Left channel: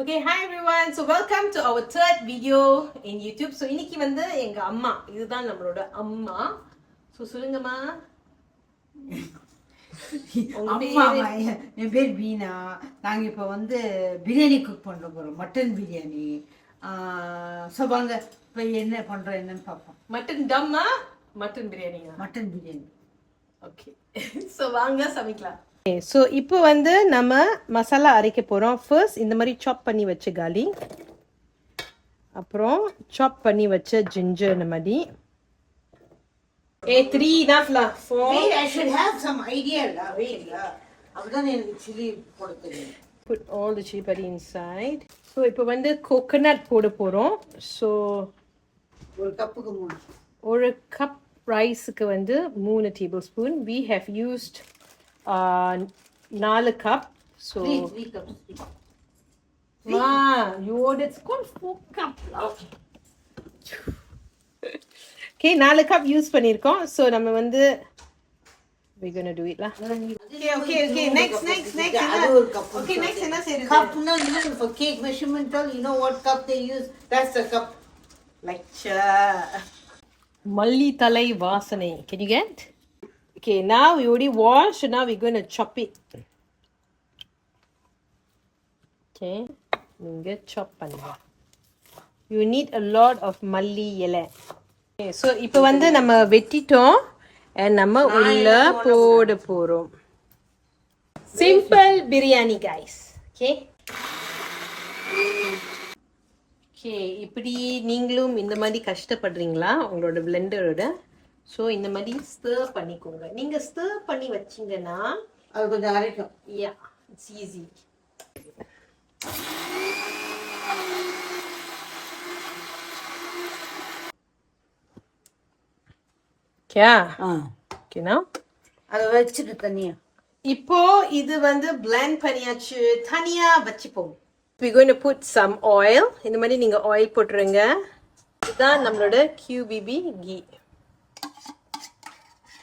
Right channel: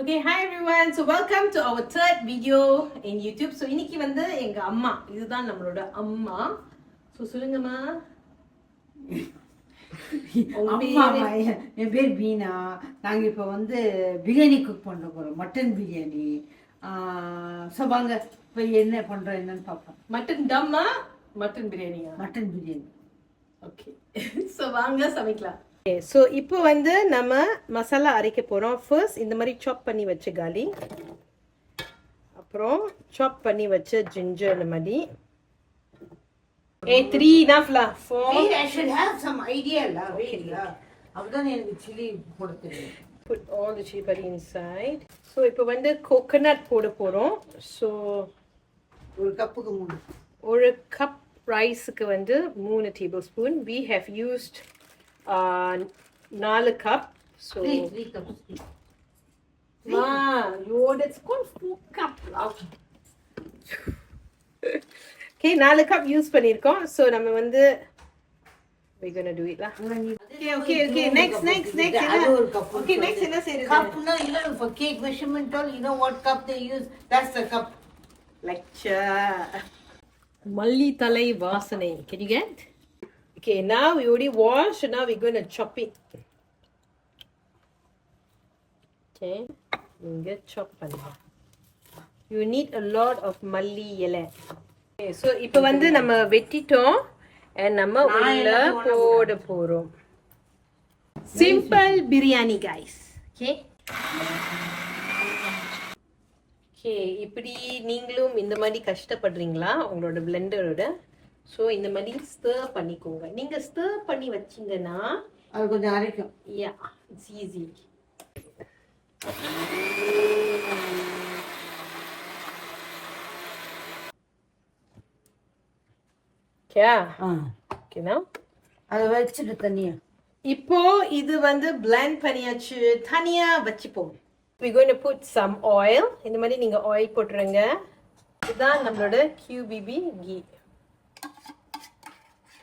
Okay, hi everyone. So welcome to our third video in YouTube. So இன்னைக்கு வந்து எங்க அம்மா இதுதான் நம்மளோட அம்மா. So சொல்லுங்கம்மா. அம்மா என் பேர் பீனா. நாங்க இப்போ வந்து பிரியாணி குக் பண்ண போறோம், மட்டன் பிரியாணி. ஸோ வாங்க இப்போ என்ன பண்றோம் என்னன்னு பார்ப்போம். மட்டன் தம்மா மட்டன் பிரியாணியா? மட்டன் பிரியாணி. ஓகே. ஸோ வாங்க சமைக்கலாம். ஸோ இப்போ வந்து நம்ம மசாலா அரைக்க போகிறோம். ஃபர்ஸ்ட் இந்த மாதிரி சாப் பண்ணி வச்ச காலி, அப்புறம் சாப் பண்ணி வச்ச ஜிஞ்சர் இந்த மாதிரி. 3 enough lah. 4. Wait, I should have some idea lah. Wait lah. அப்பதான் எனக்கு chili போட தெரியும். Put all the chili padi inside. So இப்போ வந்து coconut போட போறோம். So ஒரு கப்புக்கு 3. ஒரு கப் ரைஸ்க்கு வந்து 3 tablespoon. We have used 4 cup. So 3 cups. Ma, you ordered 4 cup. Okay, 4 cup use பண்ணிருக்கோம். So நம்ம வந்து we're going to do it lah. Okay. Next. Okay, next என்ன செய்யறது? Cup na, for cake measurement all, you know what cup they use? That's the cup. Lecture. மல்லி தலை வாசனை. Can you get? Okay, now we already washed. Now we're going to chop it. Okay, நீங்க chop பண்ணுங்க. You need a lot of மல்லி இலை. Okay, so இப்போ வந்து நம்ம வெட்டிட்டோம் and நம்ம உள்ள போட போறோம். Simple biryani guys. Okay? Okay, இப்படி நீங்களும் இந்த மாதிரி கஷ்டப்படுறீங்களா உங்களோட பிளெண்டரோட? ஸோ இந்த மாதிரி ஸ்டர் பண்ணிக்கோங்க. நீங்க ஸ்டர் பண்ணி வச்சீங்கன்னா அது கொஞ்சம் அரைக்கும். யா, இட்ஸ் ஈஸி. கே ஓகேனா அதை வச்சுட்டு தனியா இப்போ இது வந்து பிளெண்ட் பண்ணியாச்சு. தனியா வச்சுப்போம். we're going to put some oil. இந்த மாதிரி நீங்க ஆயில் போட்டுருங்க. இதுதான் நம்மளோட QBB கீ.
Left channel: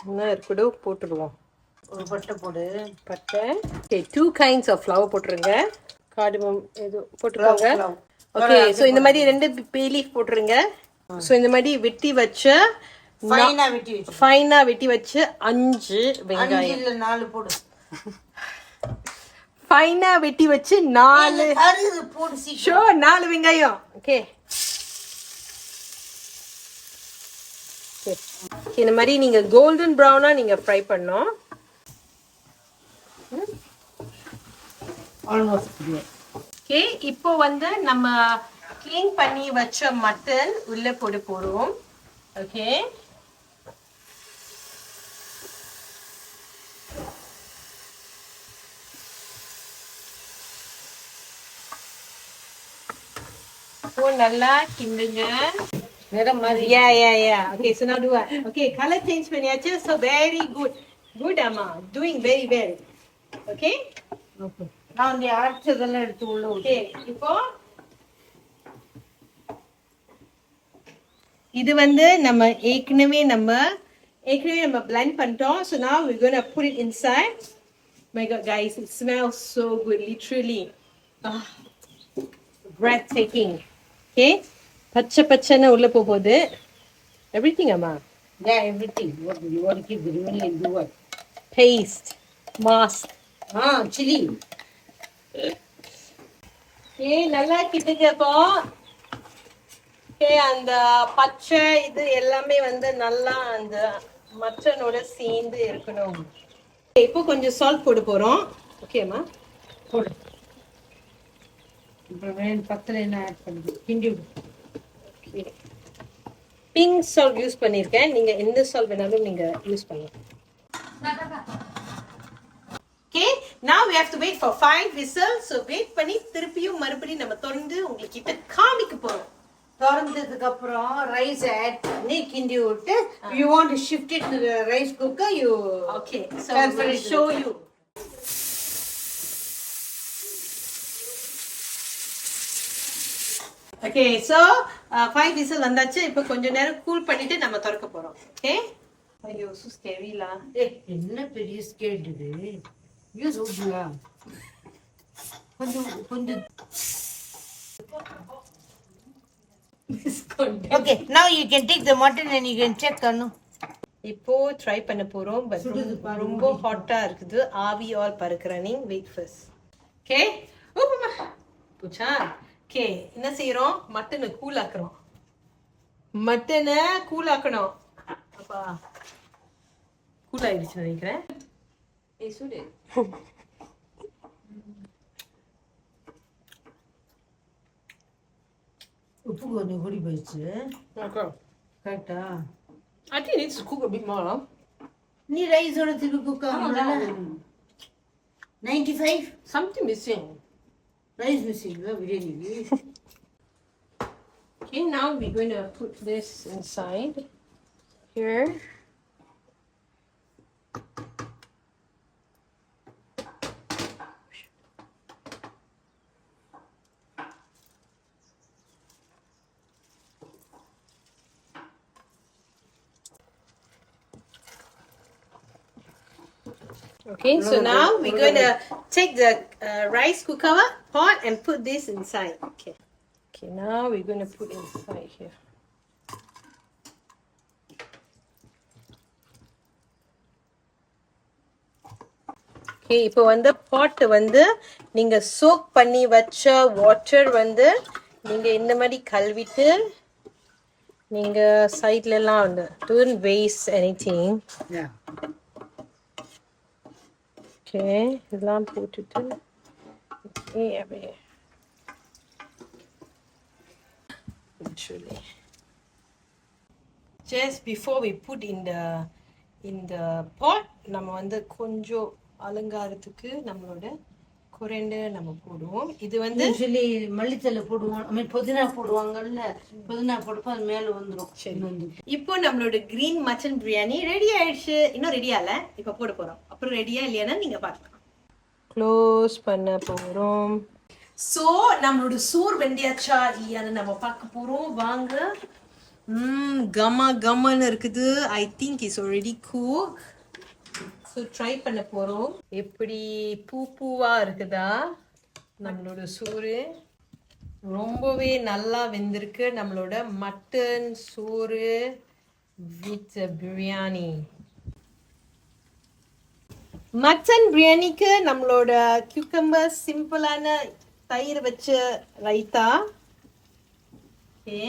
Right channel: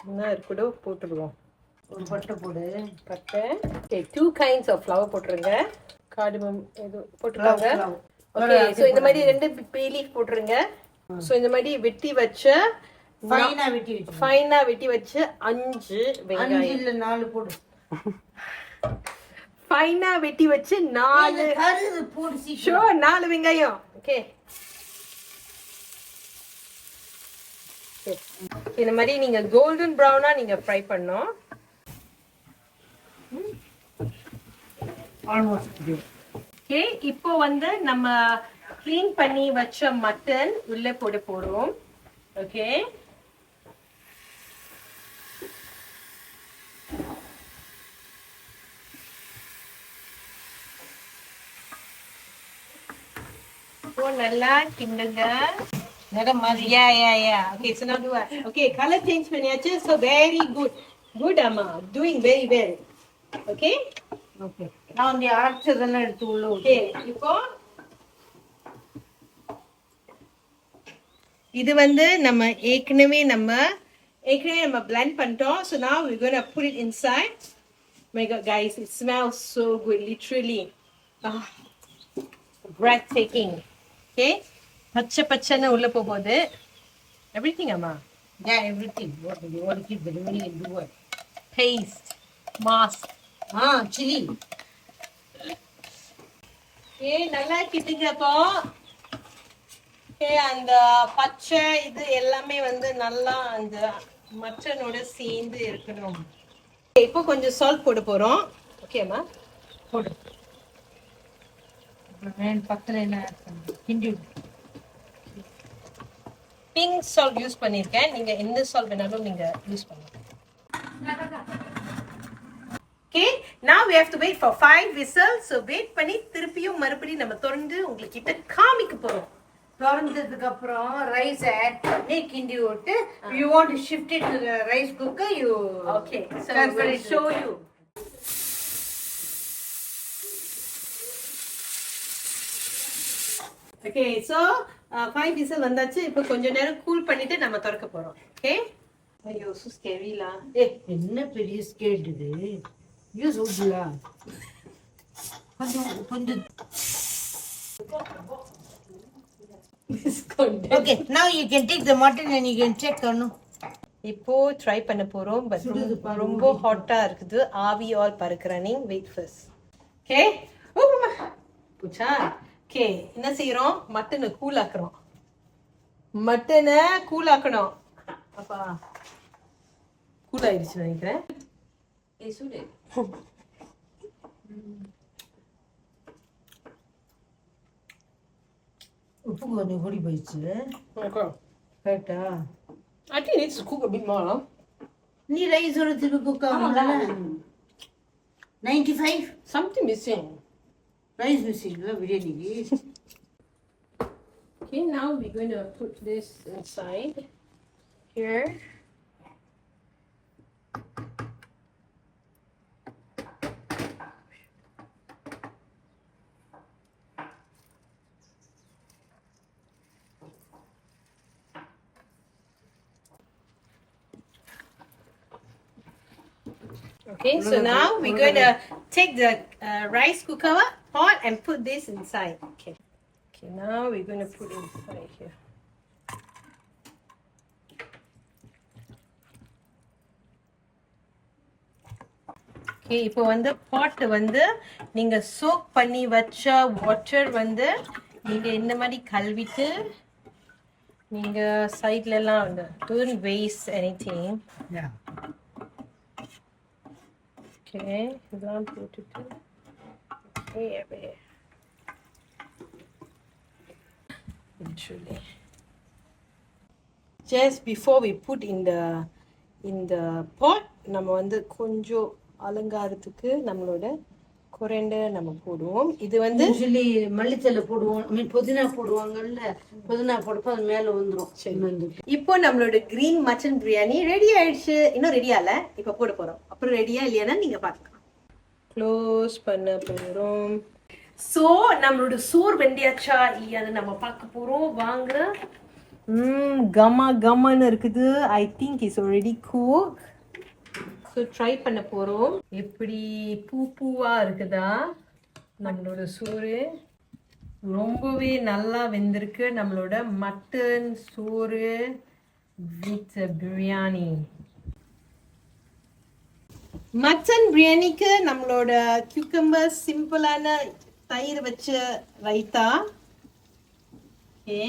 முன்ன இருக்கடோ போட்டுடுவோம். ஒரு பட்டை போடு. பட்டை. ஓகே, 2 kinds of flour போட்டுருங்க. கார்டமம் ஏதோ போட்டுருங்க. ஓகே, ஸோ இந்த மாதிரி 2 bay leaf போட்டுருங்க. ஸோ இந்த மாதிரி வெட்டி வச்ச ஃபைனா வெட்டி வச்ச 5 வெங்காயம். 4 போடு. ஃபைனா வெட்டி வச்சு 4 போடு. ஷோ 4 வெங்காயம். ஓகே, இந்த மாதிரி நீங்க கோல்டன் ப்ரௌனா நீங்க ஃப்ரை பண்ணோம். ஓகே, இப்போ வந்து நம்ம க்ளீன் பண்ணி வச்ச மட்டன் உள்ள போட போறோம். ஓகே, இப்போ நல்லா கிண்டுங்க. நேரம் மாதிரி. Yeah. Okay, so now do what? Okay, color change பண்ணியாச்சு. So very good அம்மா, doing very well. Okay? Okay. நான் அந்த ஆர்ச்சதெல்லாம் எடுத்து உள்ள. Okay, இப்போ இது வந்து நம்ம ஏற்கனவே blend பண்ணிட்டோம். So now we're going to put it inside. My God, guys, it smells so good, literally. Breathtaking. Okay? பச்சைன்னு உள்ள போகுது. Everything அம்மா. Yeah, everything. What do you want to keep biryani and do what? Paste, mask. Chili. நல்லா கிட்டுங்கப்போ. அந்த பச்சை இது எல்லாமே வந்து நல்லா அந்த மட்டனோட சேர்ந்து இருக்கணும். இப்போ கொஞ்சம் சால்ட் போட போறோம். ஓகேம்மா, போடு. அப்புறம் பத்தல என்ன ஆட் பண்ணு. கிண்டி. பிங்க் சால்ட் யூஸ் பண்ணிருக்கேன். நீங்க எந்த சால்ட் வேணாலும் நீங்க யூஸ் பண்ணுங்க. Okay, now we have to wait for 5 whistles. So wait பண்ணி திருப்பியும் மறுபடியும் நம்ம தொடர்ந்து உங்களுக்கு கிட்ட காமிக்க போறோம். திறந்ததுக்கு அப்புறம் ரைஸ் ஆட் பண்ணி கிண்டி விட்டு you want to shift it to the rice cooker, you okay, so I will show you. Okay, so 5 whistle வந்தாச்சு. இப்போ கொஞ்ச நேரம் கூல் பண்ணிட்டு நம்ம திறக்க போறோம். Okay? ஐயோ, so scary la. என்ன பெரிய ஸ்கேட் இது. யூஸ் ஊதுல. கொஞ்சம் Okay, now you can take the mutton and you can check Kanu. இப்போ ட்ரை பண்ண போறோம் பட் ரொம்ப ஹாட்டா இருக்குது ஆவி ஆல் பறக்குறானிங் வெயிட் ஃபர்ஸ்ட் ஓகே ஓப்பமா புச்சா ஓகே என்ன செய்றோம் மட்டனை கூல் ஆக்குறோம் மட்டனை கூல் ஆக்கணும் அப்பா கூல் ஆயிடுச்சு நினைக்கிறேன் சுடு உப்பு கொஞ்சம் கூடி போயிடுச்சு கரெக்டா I think it needs to cook a bit more. நீ ரைஸோட திருப்பி குக் ஆகணும்ல 95 Something missing. ரைஸ் மிஸ்ஸிங்ல பிரியாணிக்கு Okay, now we're going to put this inside here. Okay, so now we're going to take the rice cooker pot and put this inside. Okay. Okay, now we're going to put it inside here. Okay, இப்போ வந்து pot வந்து நீங்க soak பண்ணி வச்ச water வந்து நீங்க இந்த மாதிரி கழுவிட்டு நீங்க சைடுல எல்லாம் வந்து don't waste anything. yeah Okay, இதெல்லாம் போட்டுட்டு okay அப்படியே literally just before we put in the pot நம்ம வந்து கொஞ்சம் அலங்காரத்துக்கு நம்மளோட கொரியாண்டர் நம்ம போடுவோம் இது வந்து யூசுவலி மல்லித்தலை போடுவோம் ஐ மீன் புதினா போடுவாங்கல்ல புதினா போடுப்ப அது மேல வந்துரும் வந்து இப்போ நம்மளோட கிரீன் மட்டன் பிரியாணி ரெடி ஆயிடுச்சு இன்னும் ரெடி ஆகல இப்போ போட போறோம் அப்புறம் ரெடியா இல்லையானா நீங்க பார்க்கலாம் க்ளோஸ் பண்ண போறோம் சோ நம்மளோட சோறு வெந்தியாச்சா இல்லையான்னு நம்ம பார்க்க போறோம் வாங்க கமா கமான்னு இருக்குது I think it's already cook so try பண்ண போறோம் எப்படி பூவா இருக்குதா நம்மளோட சோறு ரொம்பவே நல்லா வெந்திருக்கு நம்மளோட மட்டன் சோறு வித் பிரியாணி மட்டன் பிரியாணிக்கு நம்மளோட கியூக்கம்பர் சிம்பிளான தயிர் வச்ச ரைத்தா ஓகே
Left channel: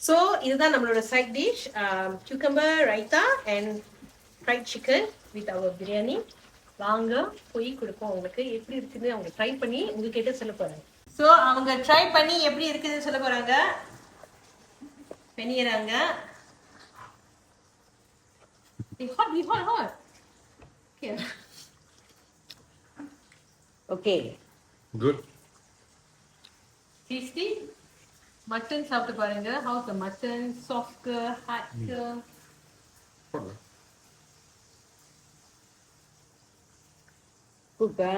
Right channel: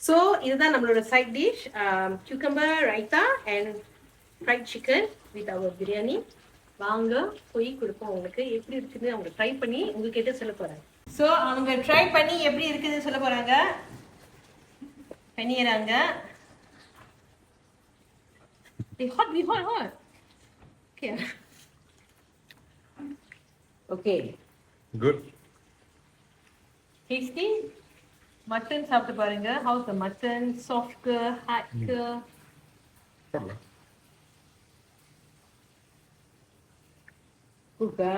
ஸோ இதுதான் நம்மளோட side dish cucumber raita and fried chicken with our biryani வாங்க போய் கொடுப்போம் உங்களுக்கு எப்படி இருக்குன்னு அவங்க ட்ரை பண்ணி உங்ககிட்ட சொல்ல போறாங்க ஸோ அவங்க ட்ரை பண்ணி எப்படி இருக்குதுன்னு சொல்ல போறாங்க பண்ணிடுறாங்க hot okay okay Good. Tasty mutton சாப்பிட்டு பாருங்க house the mutton soft hot Hola. குக்கா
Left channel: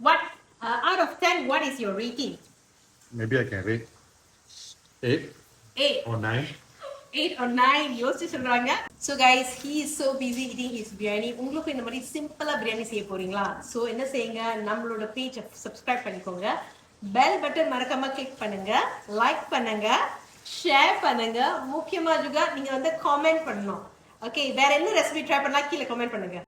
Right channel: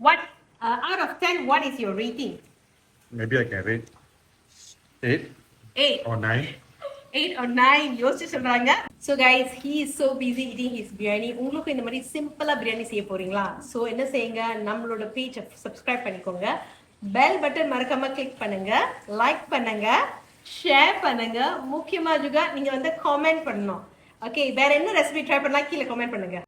what out of 10 what is your rating Maybe I can rate 8 8 or 9. 8 or 9 யோசிச்சு சொல்றாங்க so guys he is so busy eating his biryani உங்களுக்கு இந்த மாதிரி சிம்பிளா பிரியாணி செய்ய போறீங்களா சோ என்ன செய்யுங்க நம்மளோட பேஜ் சப்ஸ்கிரைப் பண்ணிக்கோங்க பெல் பட்டன் மறக்காம கிளிக் பண்ணுங்க லைக் பண்ணுங்க ஷேர் பண்ணுங்க முக்கியமா juga நீங்க வந்து கமெண்ட் பண்ணணும் ஓகே வேற என்ன ரெசிபி ட்ரை பண்ணலாம் கீழே கமெண்ட் பண்ணுங்க